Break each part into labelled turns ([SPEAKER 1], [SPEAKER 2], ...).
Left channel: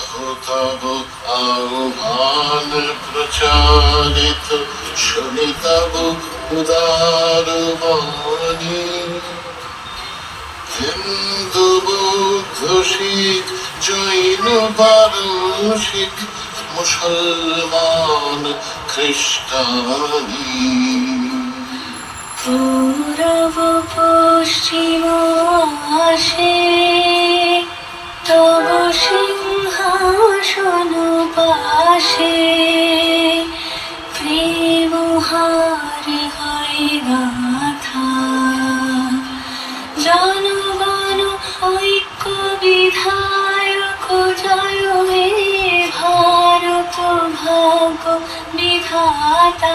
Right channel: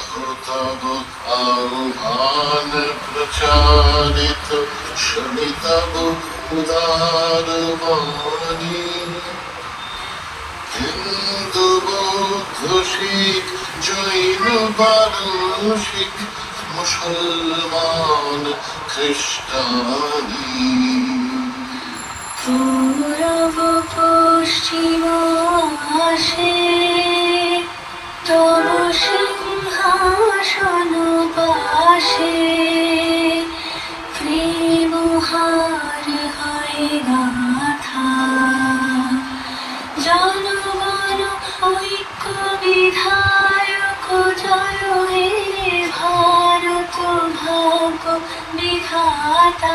[SPEAKER 1] কথা প্রচারিত জৈন পারসিক মুসলমান খ্রিস্টানি
[SPEAKER 2] পশ্চিম হাসে विधाता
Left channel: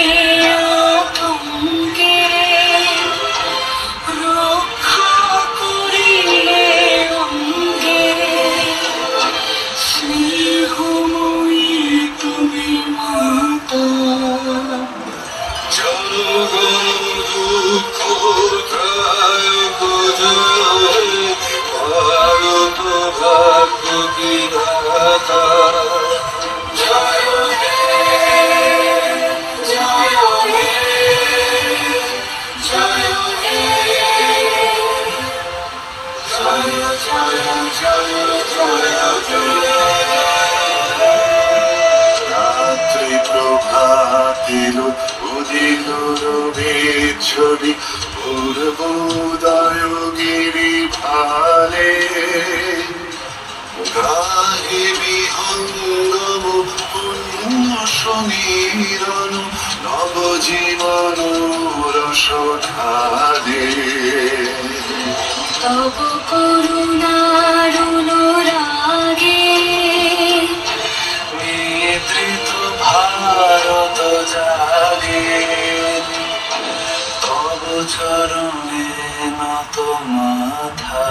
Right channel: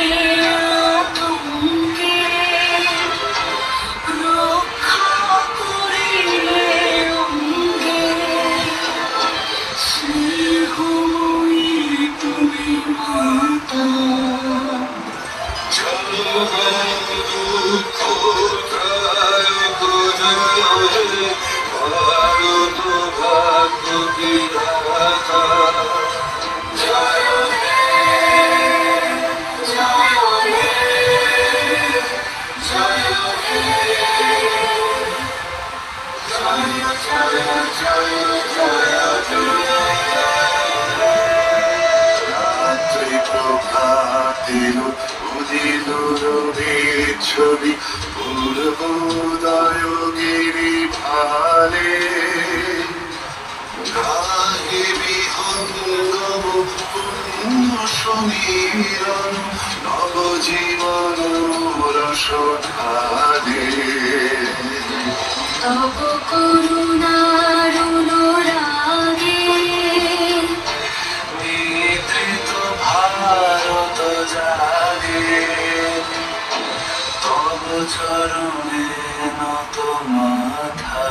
[SPEAKER 2] জনগণ
[SPEAKER 3] প্রভাতের উদিনুর ছবি পূর্বোদয় ভালে। গাহে বিহঙ্গম পুণ্য সমীরণ নবজীবন রস ঢালে
[SPEAKER 2] তব কো চরণে নত মাথা।